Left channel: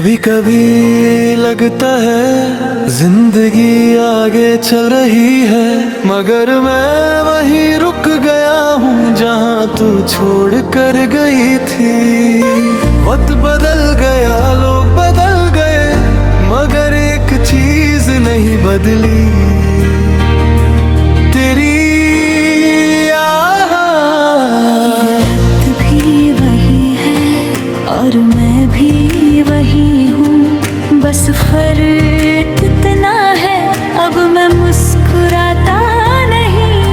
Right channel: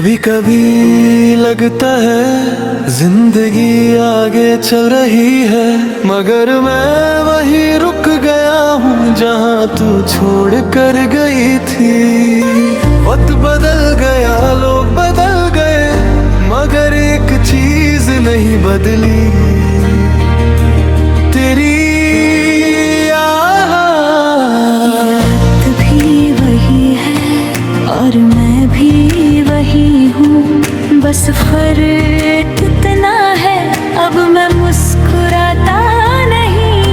कभी कभी लगता है जिंदगी आगे चल रही है, मगर मैं वहीं रुक गया हूँ जहाँ तू छोड़ कर गई थी। वक्त बदल गया, लोग बदल गए, मगर एक चीज नहीं बदली, तेरी याद भी वही है और मैं भी वही हूँ, बस फर्क इतना है अब मैं मुस्कुराता नहीं।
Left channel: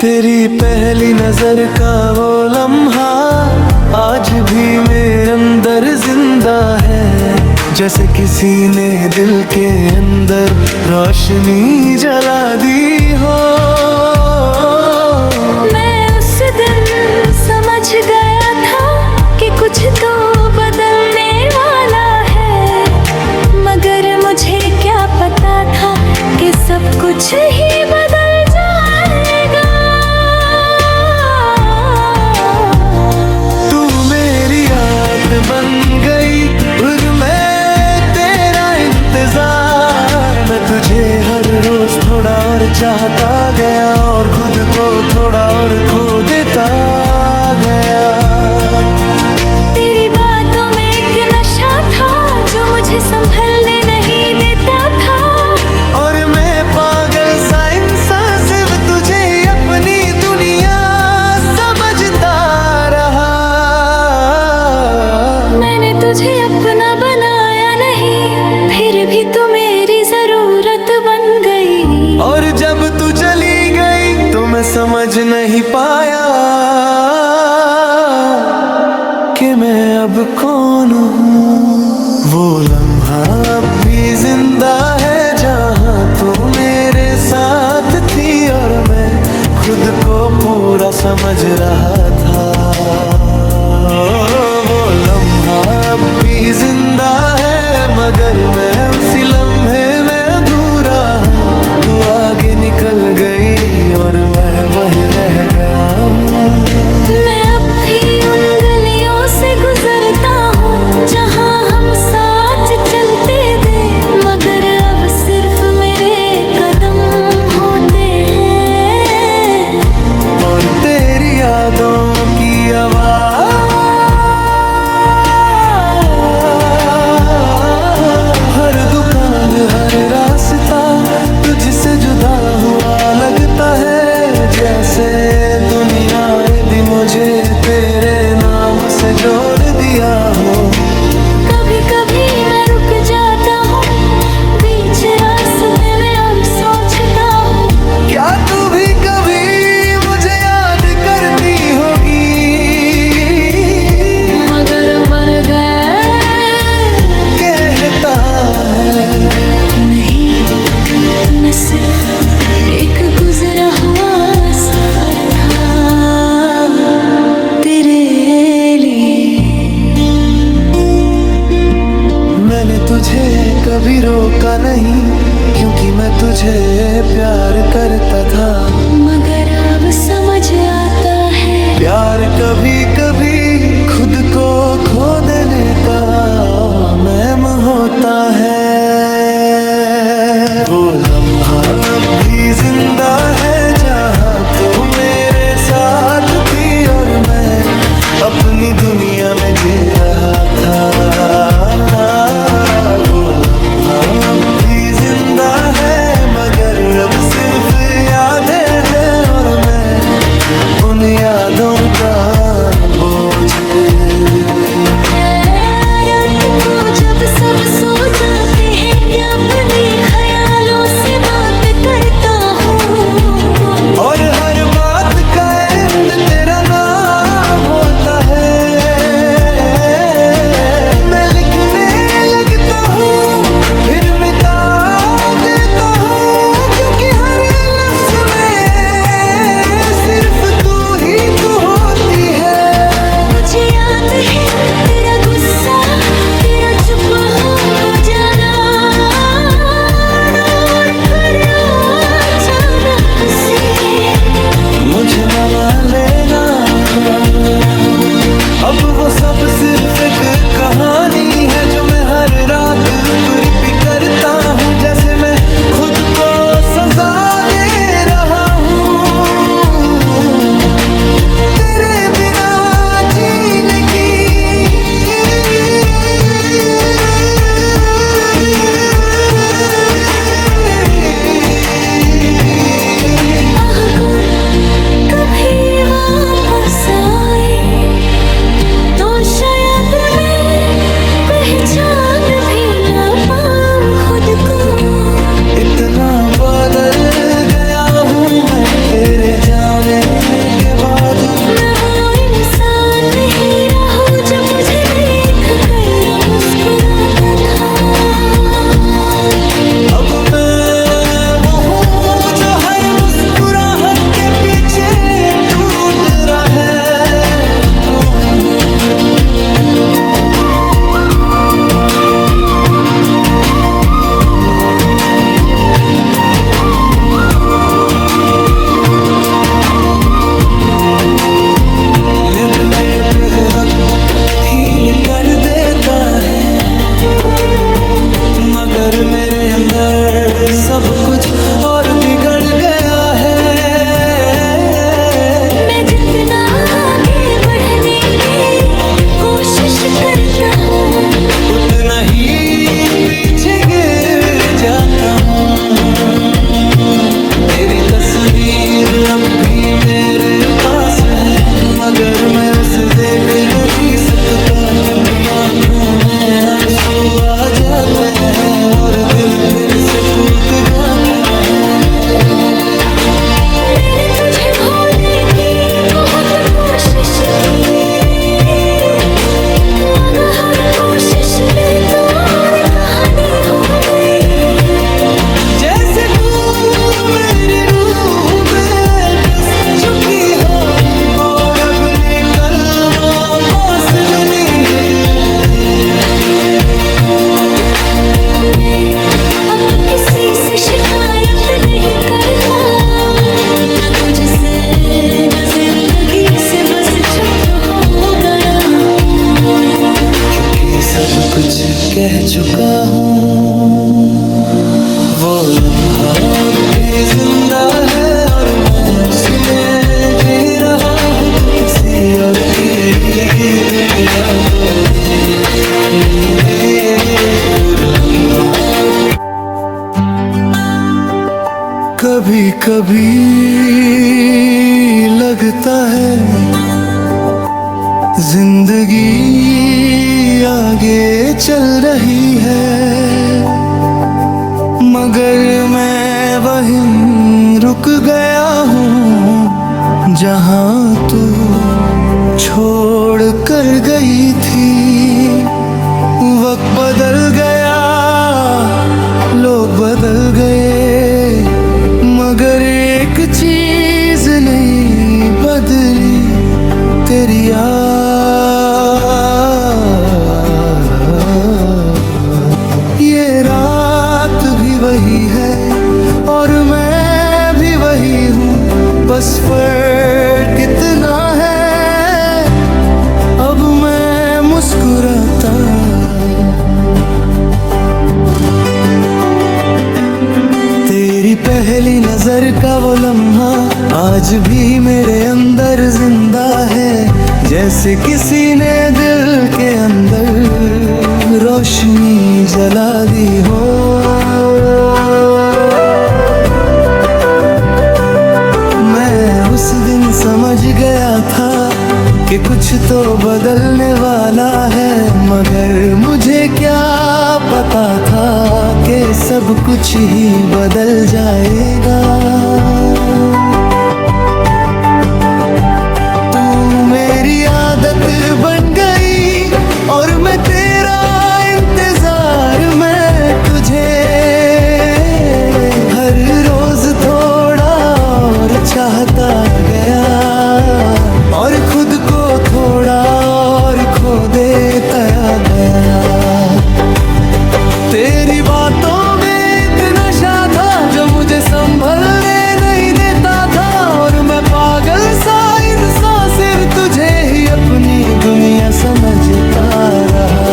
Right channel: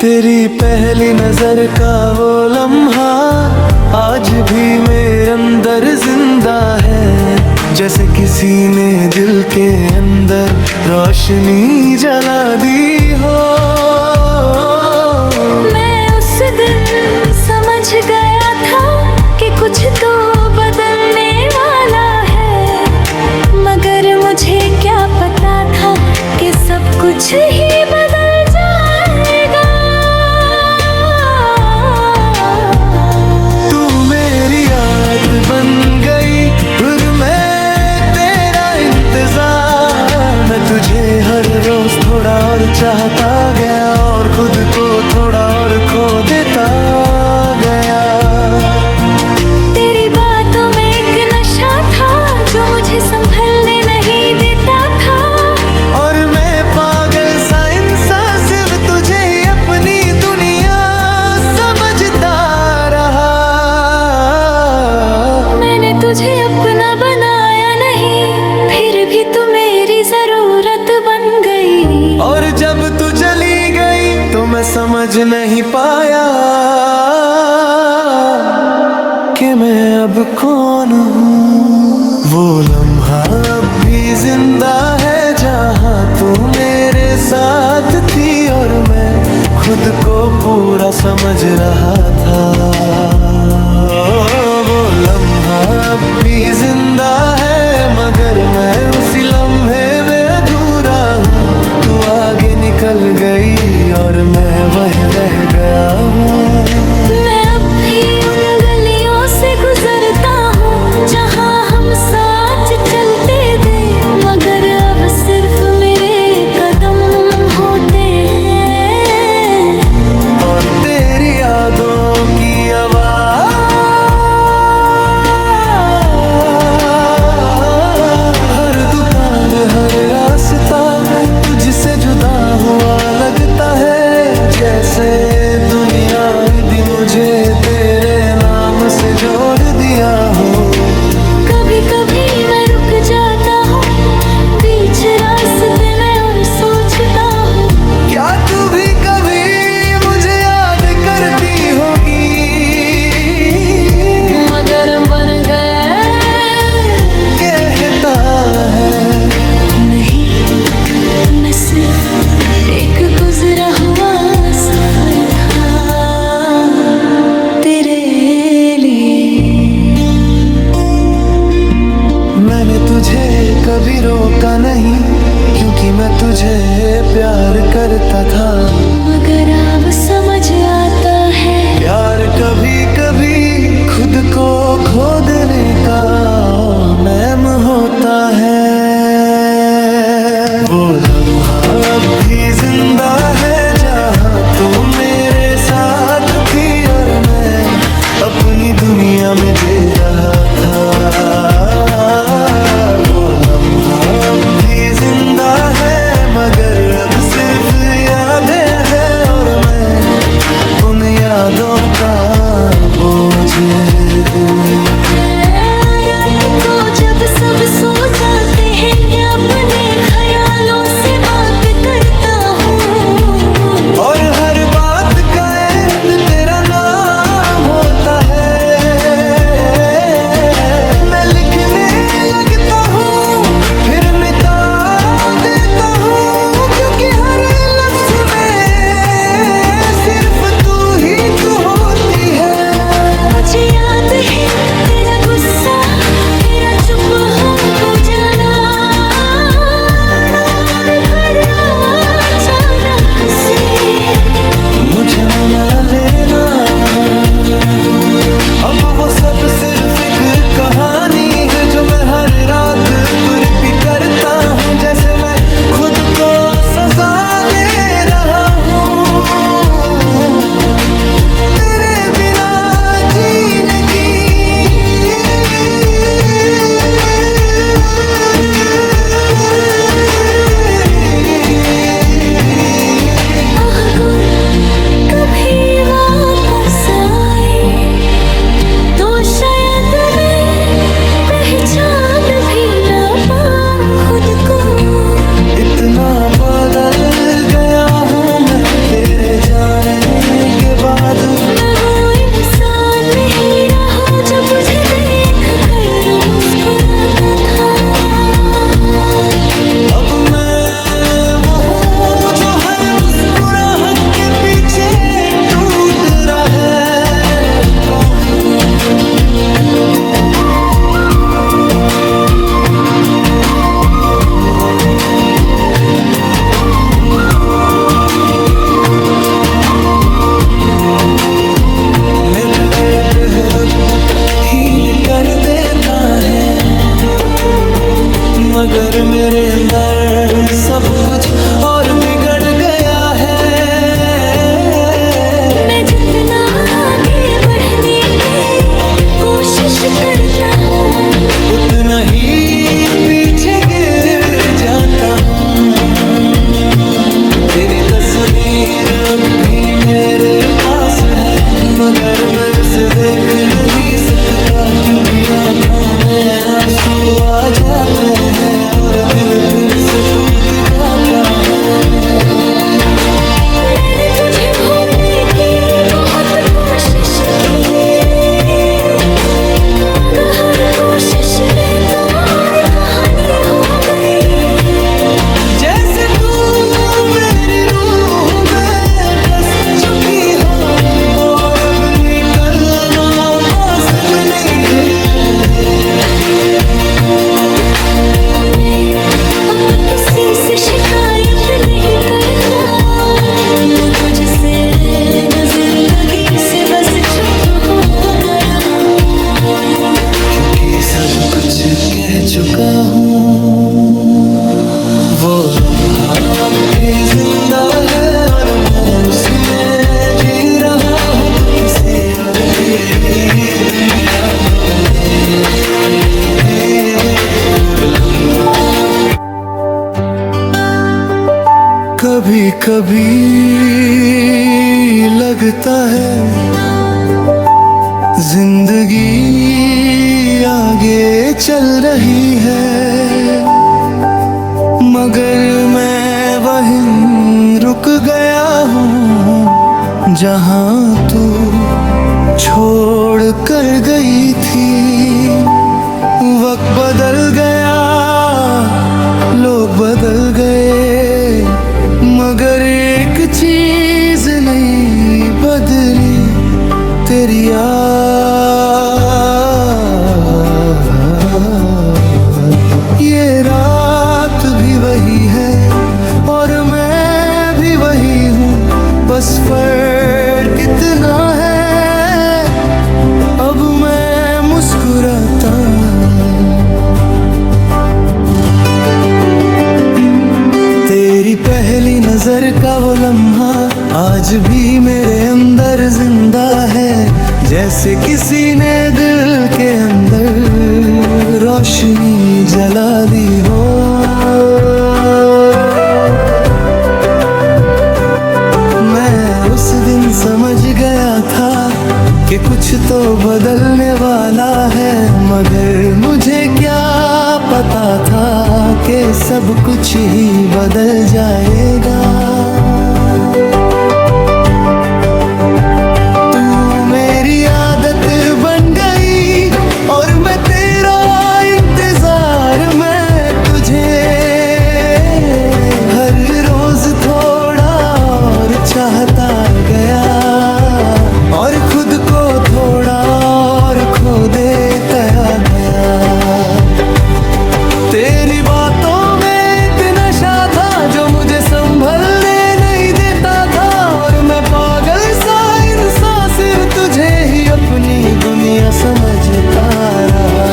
तेरी पहली नजर का वो लम्हा आज भी मेरे अंदर जिंदा है, जैसे किसी ने दिल के अंदर रोशनी जला दी हो। मैं उस दिन समझ गया था कि कुछ तो बदलने वाला है, मगर मुझे क्या पता था कि सब कुछ ही बदल जाएगा। तू मेरी याद बन गई और मैं तेरा इंतजार, मैं तुझे हर रोज थोड़ा और चाहता गया और खुद को थोड़ा और खो देता गया। तेरी बातों में एक नशा था जो मुझे संभलने नहीं देता था, और मैं पागल सा इंसान सिर्फ तुझे ही अपनी दुनिया समझता रहा। मैंने तुझे अपना बनाया नहीं, फिर भी तू मेरी जरूरत बन गई। और जब तू चली गई तो मैं समझ नहीं पाया कि मैं अब कौन हूँ। वो लम्हा अब भी जिंदा है जहाँ तू मेरे साथ थी, और मैं खुद को पूरा समझ रहा था। वो लम्हा अब भी जिंदा है, मगर मैं उसी लम्हे में अधूरा हूँ। तू आगे निकल गई और मैं वहीं रह गया हूँ। मैं अब भी उन गलियों से गुजरता हूँ जहाँ हम साथ चलते थे, मगर अब सिर्फ मेरे कदम होते हैं और तेरी यादों की आवाज़ हर दुकान हर रास्ता तुझसे जुदा हुआ लगता है, जैसे दुनिया यदि मुझे तेरे नाम से जोड़ दिया हो। कभी कभी मैं रुक जाता हूँ बीच रास्ते में और सोचता हूँ, क्या तू भी कभी मुझे याद करती होगी। मगर बन गया कहता है नहीं, मैं सिर्फ एक गुजरा हुआ सफर था तेरे लिए। मैंने तुझे कभी रोका नहीं, क्योंकि मैं तुझे प्यार करता था, मगर अब समझ आता है प्यार कभी कभी खुद को खो देने का मैम होता है। वो लम्हा अब भी जिंदा है जहाँ तू मेरे साथ थी, और मैं अपनी दुनिया में जी रहा था। वो लम्हा अब भी जिंदा है, मगर अब सिर्फ यादें हैं और मैं उन यादों का बोझ। रात को जब सब सो जाते हैं अपने ख्यालों से बात करता हूँ, और हर बात का एंड तेरा नाम होता है। मैं लिखने लगता हूँ फिर मिटा देता हूँ, क्योंकि हर लफ्ज में सिर्फ तू ही तू होती है। मुझे याद है तेरा गुस्सा, तेरा चुप हो जाना, और फिर अचानक से मुझे मना लेना, अब वो सब सिर्फ एक कहानी है जो मैं हर रात रिपीट करता हूँ, जैसे मैं खुद को सजा दे रहा हूँ। तेरे बिना जीने की अगर कभी वापस आए तो शायद मैं पहचान भी ना पाऊं खुद को। इतना बदल गया हूँ मैं तेरे जाने के बाद। मैं वो इंसान नहीं रहूं जो तुझे देख कर मुस्कुराता था। अब मैं वो हूँ जो हर मुस्कुराहट के पीछे टूट रहा है। कौन हूँ? मुझे बेहद फील कर देता है, मगर मेरे अंदर सब कुछ और बिगड़ गया है। मैं जितना आगे बढ़ने की कोशिश करता हूँ उतना ही पीछे गिर जाता हूँ। तेरी तस्वीर अब भी मेरे पास है, मगर मैं उसे देख नहीं सकता, क्योंकि आंखों में आंसू आ जाते हैं और दिन फिर से टूट जाता है। मैंने तुझे भूलने की बहुत कोशिश की, मगर हर कोशिश में तो और कहानी हो गई। जैसे तू मेरी रूह में बस चुकी हो और अब निकलना पॉसिबल नहीं है। मैं अब किसी से शिकायत नहीं करता, न तुझसे न जिंदगी से, बस चुप हो गया हूँ, क्योंकि सब कुछ कह चुका हूँ। वो लम्हा अब भी जिंदा है और मैं उसी में जी रहा हूँ। तू किसी और की दुनिया को और लम्हा कभी कभी लगता है जिंदगी आगे चल रही है, मगर मैं वहीं रुक गया हूँ जहाँ तू छोड़ कर गई थी। वक्त बदल गया, लोग बदल गए, मगर एक चीज नहीं बदली, तेरी ये रात भी वही है और मैं भी वही हूँ, बस फर्क कितना है अब मैं मुस्कुराता। तेरी पहली नजर का वो लम्हा आज भी मेरे अंदर जिंदा है, जैसे किसी ने दिल के अंदर रोशनी जला दी हो। मैं उस दिन समझ गया था कि कुछ तो बदलने वाला है, मगर मुझे क्या पता था कि सब कुछ ही बदल जाएगा। तू मेरी आदत बन गई और मैं तेरा इंतजार में तुझे हर रोज थोड़ा और चाहता गया और खुद को थोड़ा और खो देता गया। तेरी बातों में इतना नशा था जो मुझे संभलने नहीं देता था, और मैं पागल सा इंसान सिर्फ तुझे ही अपना अपनी दुनिया समझता रहा।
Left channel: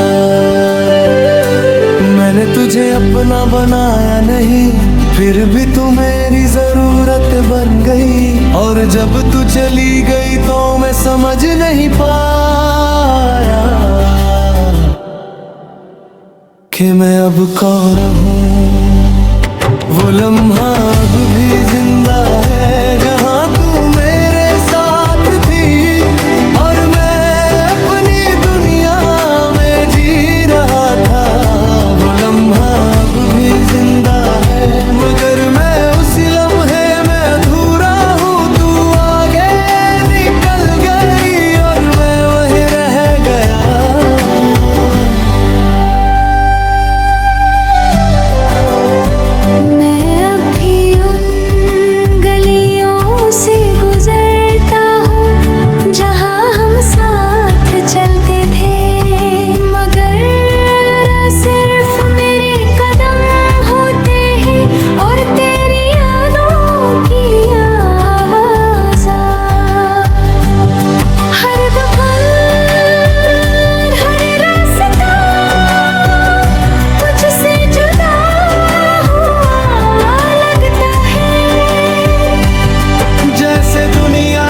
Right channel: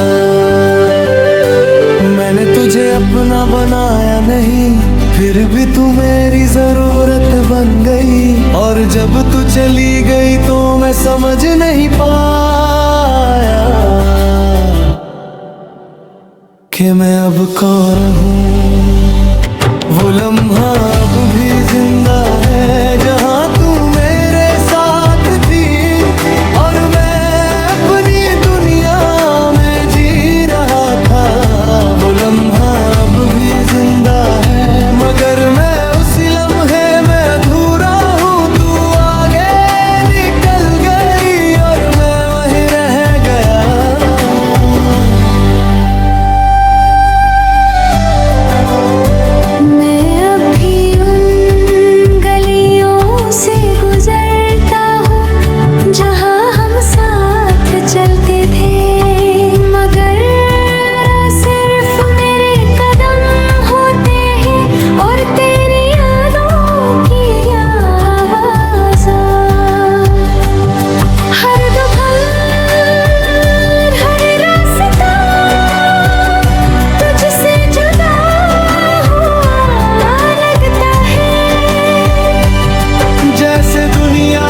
मैंने तुझे अपना बनाया नहीं, फिर भी तू मेरी जरूरत बन गई। और जब तू चली गई तो मैं समझ नहीं पाया कि मैं अब कौन हूँ। वो लम्हा अब भी जिंदा है जहाँ तू मेरे साथ थी, और मैं अपनी दुनिया में जी रहा था। वो लम्हा अब भी जिंदा है, मगर मैं उसी लम्हे में अधूरा हूँ। तू आगे निकल गई और मैं वहीं रह गया। गुजरता हूँ जहाँ हम साथ चलते थे, मगर सिर्फ मेरे कदम होते हैं और तेरी यादों की आवाज़। हर दोपहर हर रास्ता तुझसे जुदा हुआ लगता है, जैसे दुनिया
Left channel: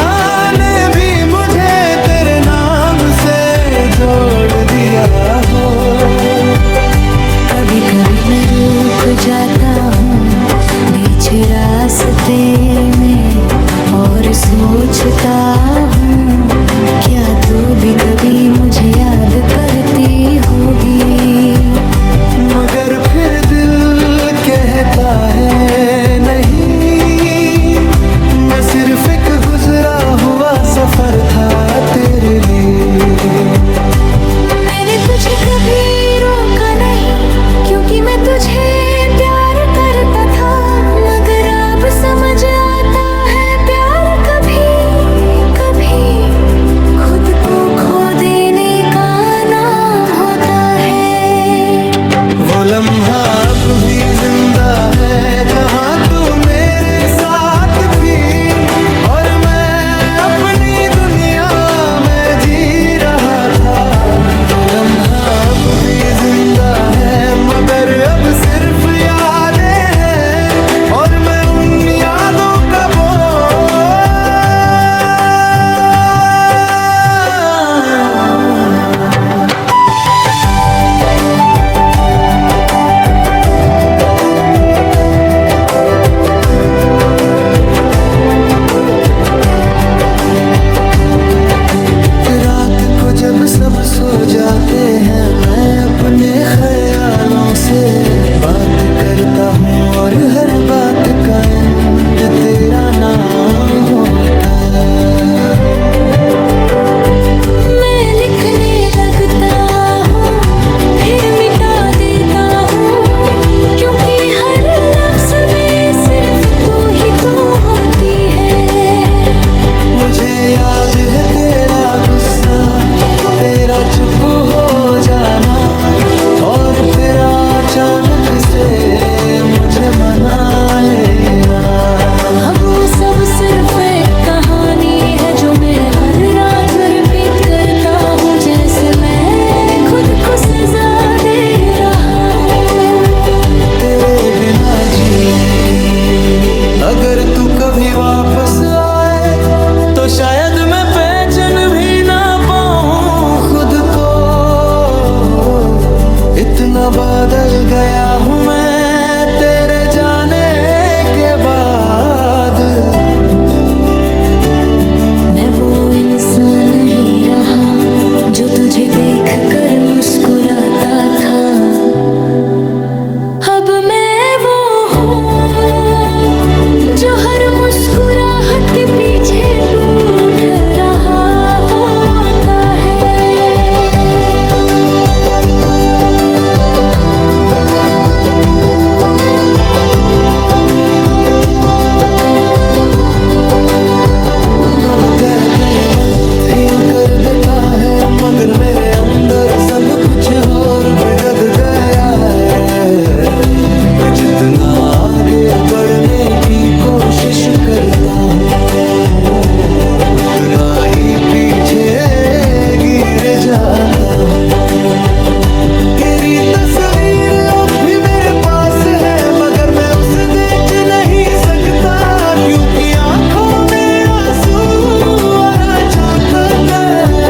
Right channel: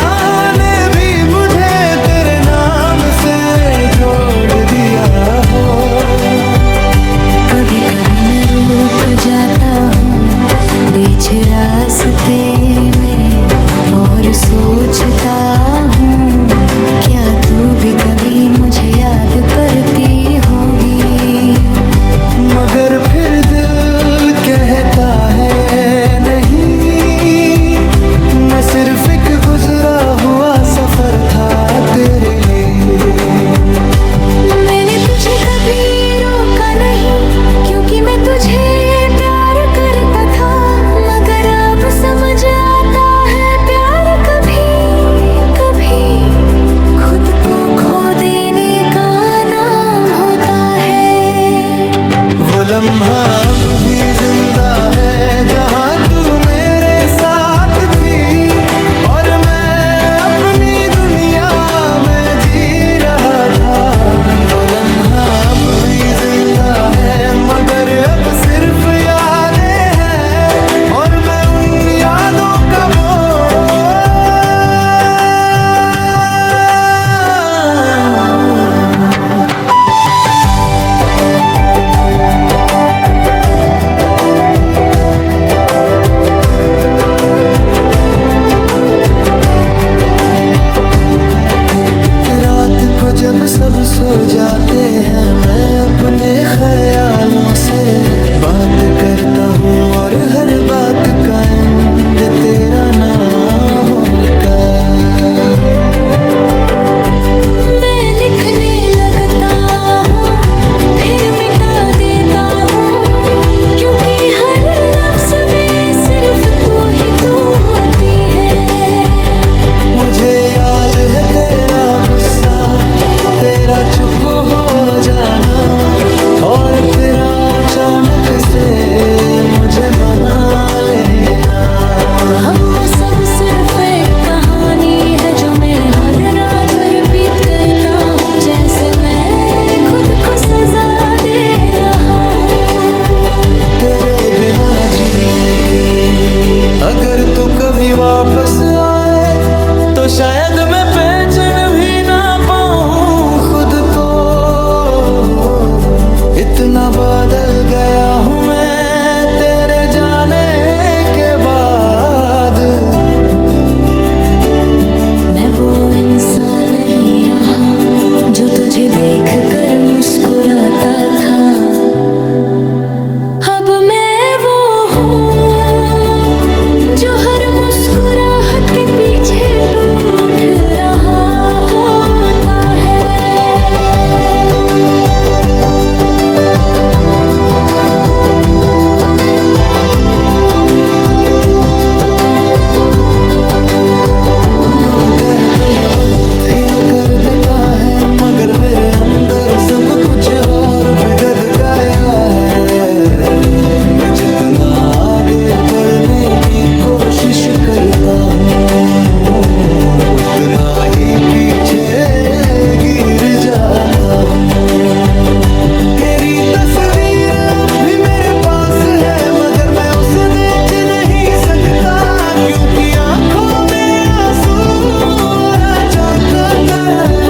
ने भी मुझे तेरे नाम से जोड़ दिया हो। कभी कभी मैं रुक जाता हूँ बीच रास्ते में और सोचता हूँ, क्या तू भी कभी मुझे याद करती होगी। मगर फिर दिल कहता है नहीं, मैं सिर्फ एक गुजरा हुआ सफर था तेरे लिए। मैंने तुझे कभी रोका नहीं, क्योंकि मैं तुझे प्यार करता था, मगर अब समझ आता है प्यार कभी कभी खुद को खो देने का नाम होता है। वो लम्हा अब भी जिंदा है जहाँ तू मेरे साथ थी, और मैं अपनी दुनिया में जी रहा था। वो लम्हा अब भी जिंदा है, मगर अब सिर्फ यादें हैं और मैं उन यादों का बोझ। रात को जब सब सो जाते हैं, मैं अपने ख्यालों से बात करता हूँ, और हर बात का एंड तेरा नाम होता। मैं लिखने लगता हूँ फिर मिटा देता हूँ, क्योंकि हर लफ्ज़ में सिर्फ तू ही तू होती है। मुझे याद है तेरा गुस्सा, तेरा चुप हो जाना, और फिर अचानक से मुझे मना लेना। अब वो सब सिर्फ एक कहानी है जो मैं हर रात रिपीट करता हूँ, जैसे मैं खुद को सजा दे रहा हूँ तेरे बिना जीने की। अगर तू कभी वापस आए तो शायद मैं पहचान भी ना पाऊँ खुद को। इतना बदल गया हूँ मैं तेरे जाने के बाद। मैं वो इंसान नहीं रहा जो तुझे देख कर मुस्कुराता था। अब मैं वो हूँ जो हर मुस्कुराहट के पीछे टूट रहा होता है। अब कह गया वक्त यूं कर देता है, मगर मेरे अंदर सब कुछ और बिगड़ गया है। मैं जितना आगे बढ़ने की कोशिश करता हूँ उतना ही पीछे गिर जाता हूँ। तेरी तस्वीर अब भी मेरे पास है, मगर मैं उसे देख नहीं सकता, क्योंकि आंखों में आंसू आना चाहता है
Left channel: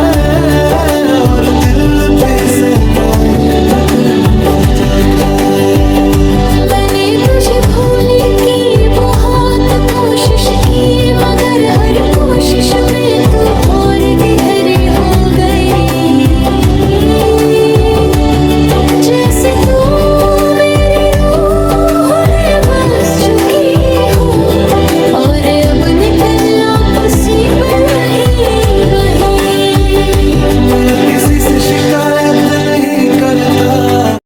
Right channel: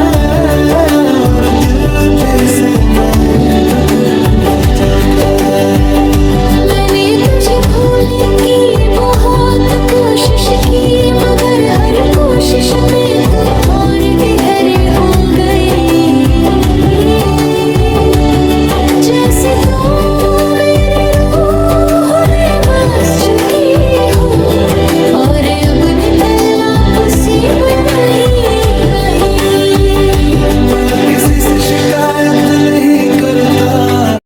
और दिल पे से नहीं जाता है। मैंने तुझे भूलने की बहुत कोशिश की, मगर हर कोशिश में तू और गहरी हो गई। जैसे तू मेरी रूह में बस चुकी हो और अब निकलना पॉसिबल ही नहीं। मैं अब किसी से शिकायत नहीं करता,